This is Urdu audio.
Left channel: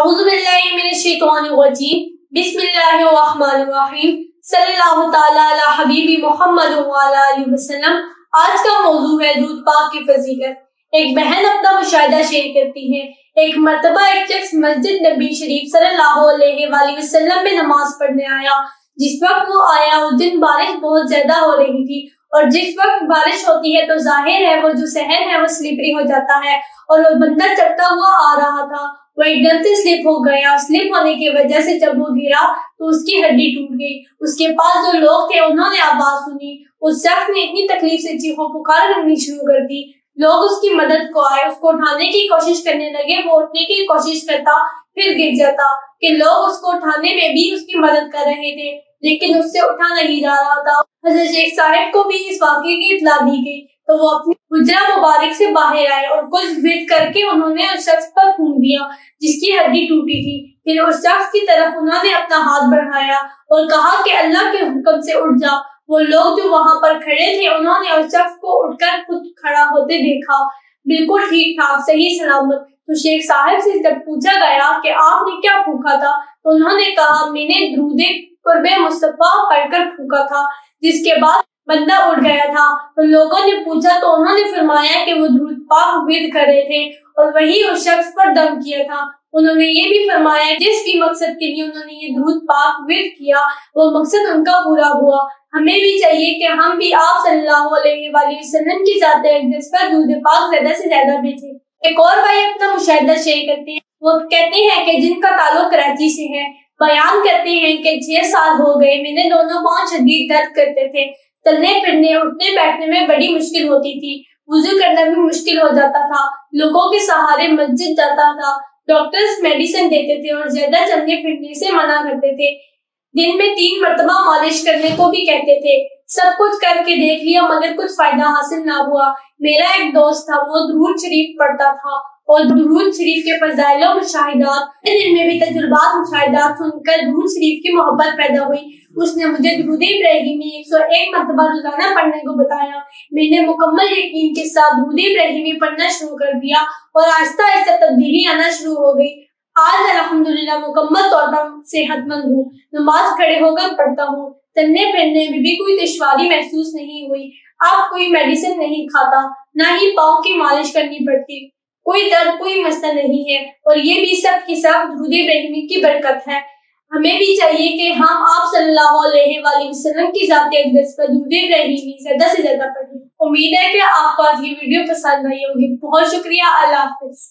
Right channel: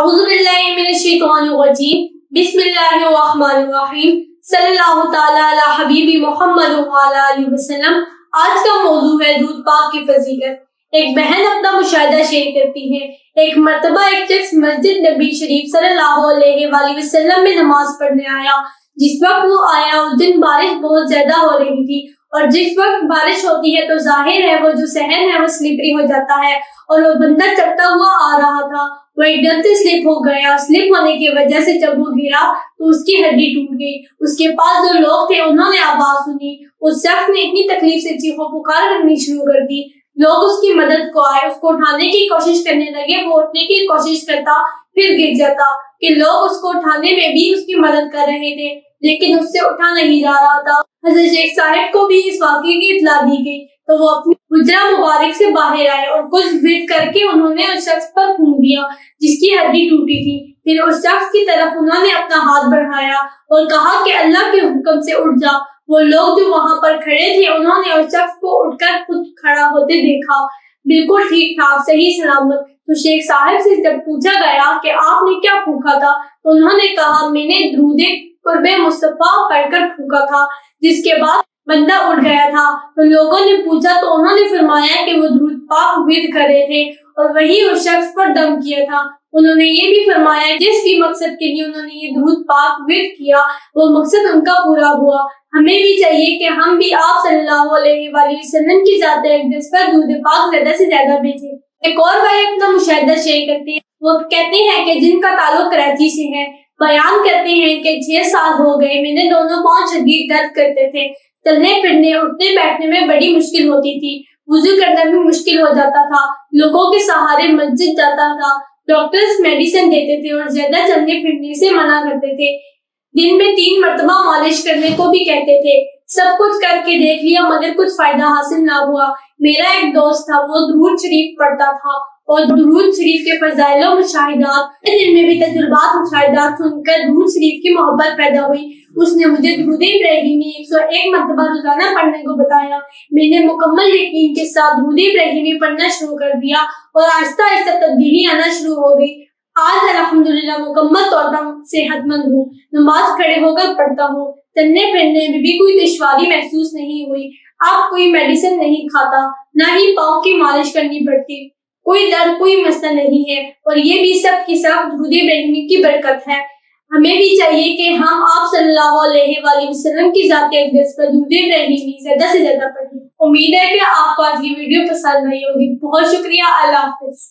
اعوذ باللہ من الشیطان الرجیم بسم اللہ الرحمن الرحیم صلی اللہ تعالی علی حبیبی محمد وعلی آلہ وسلم۔ آج کا موضوع ہے درود پاک کی فضیلت۔ ایک بہن اپنا مشاہدہ شیئر کرتی ہے۔ ایک مرتبہ ایک شخص مسجد نبی شریف صلی اللہ علیہ وآلہ وسلم میں نماز پڑھنے آیا۔ جس وقت وہ آیا اس دن بارش بہت زیادہ ہو رہی تھی، اور جس وقت بارش ہوتی ہے تو ظاہر ہے وہ جو صحن ہے وہ سلپری ہو جاتا ہے، اور وہ بندہ چلتا ہوا آ رہا تھا، وہ ایک دم سے سلپ ہو گیا۔ سلپ ہونے کی وجہ سے جب وہ گرا تو اس کی ہڈی ٹوٹ گئی۔ اس کے پاس جو لوگ تھے انہوں نے آواز سنی، اس شخص نے اتنی تکلیف سے چیخو پکار کرنی شروع کر دی۔ لوگ اس کی مدد کو آئے، اس کو اٹھانے کی کوشش کرنے لگے۔ وہ اٹھنے کی کوشش کرتا پھر گر جاتا کہ لوگ اس کو اٹھانے میں بھی اس کی مدد کر رہے تھے، لیکن اس سے اٹھا نہیں جا رہا تھا۔ حضرت شیخ صاحب کو بھی اس واقعے کی اطلاع دی گئی تو وہ اپنی حجرہ مبارک سے باہر آئے اور کچھ ورد کر کے انہوں نے اس شخص پر پھونک دیا جس کی ہڈی ٹوٹی تھی۔ پھر اس شخص کی طرف انہوں نے اپنا ہاتھ بڑھایا اور کہا کہ اللہ کے حکم سے اٹھ جا۔ وہ لوگ جو وہاں پر کھڑے تھے انہوں نے اس شخص کو اٹھ کر خود کھڑا ہوتے دیکھا، بالکل ٹھیک ٹھاک صحیح سلامت۔ تو شیخ صاحب سے جب پوچھا گیا کہ آپ نے کیا پھونکا تھا تو انہوں نے کہا میں نے درود قرب مصطفیٰ پڑھ کر پھونکا تھا، جس کے بعد بندہ اٹھ گیا تھا۔ تو لوگوں نے پوچھا تو انہوں نے فرمایا کہ وہ درود پاک ورد کر رہے تھے اور وہی اس شخص پر دم کیا تھا۔ انہوں نے یہ بھی فرمایا جس بھی مقصد کے لیے انہوں نے یہ درود پاک ورد کیا وہ مقصد ان کا پورا ہوا۔ ہمیں بھی چاہیے کہ ہم بھی آپ صلی اللہ علیہ وآلہ وسلم کی ذات اقدس پر درود پاک زیادہ سے زیادہ بھیجیں۔ ایک اور بھائی اپنا مشاہدہ شیئر کرتے ہیں۔ وہ کہتے ہیں کہ جن کا تعلق کراچی سے ہے، بیان کرتے ہیں کہ 6 سال ہو گئے میں نے دونوں پاؤں شدید درد کرتے تھے، چلنے پھرنے اٹھنے بیٹھنے میں بڑی مشکل ہوتی تھی، وضو کرنا بھی مشکل ہو جاتا تھا، لوگوں کے سہارے مسجد جاتا تھا، ڈاکٹرز میڈیسن دیتے تھے اور زیادہ چلنے پھرنے سے منع کرتے تھے، دن میں 3 مرتبہ مالش کرنے کو بھی کہتے تھے۔ سب کچھ کر کے دیکھ لیا مگر کچھ فائدہ حاصل نہ ہوا۔ میرا ایک دوست تھا، وہ درود شریف پڑھتا تھا اور درود شریف کے فضائل و مشاہدات دل میں بھی تجربات مشاہدات سن کر درود شریف کی محبت پیدا ہوئی۔ اس نے مجھے درود ابراہیمی 101 مرتبہ روزانہ پڑھنے کو بتایا۔ میں نے مکمل یقین کے ساتھ درود ابراہیمی پڑھنا شروع کر دیا اور آہستہ آہستہ تبدیلی آنا شروع ہو گئی۔ آج الحمدللہ مکمل طور پر صحت مند ہوں، نماز کھڑے ہو کر پڑھتا ہوں، چلنے پھرنے میں بھی کوئی دشواری محسوس نہیں ہوئی۔ اب کوئی میڈیسن نہیں کھاتا، نہ ہی پاؤں کی مالش کرنی پڑتی، کوئی درد کوئی مسئلہ نہیں ہے، اور یہ بھی سب کی سب درود ابراہیمی کی برکت ہے۔ ہمیں بھی چاہیے کہ ہم آپ صلی اللہ علیہ وآلہ وسلم کی ذات اقدس پر درود ابراہیمی زیادہ سے زیادہ پڑھیں۔ امید ہے کہ آپ کو آج کی ویڈیو پسند آئی ہوگی۔ بہت شکریہ، اللہ حافظ۔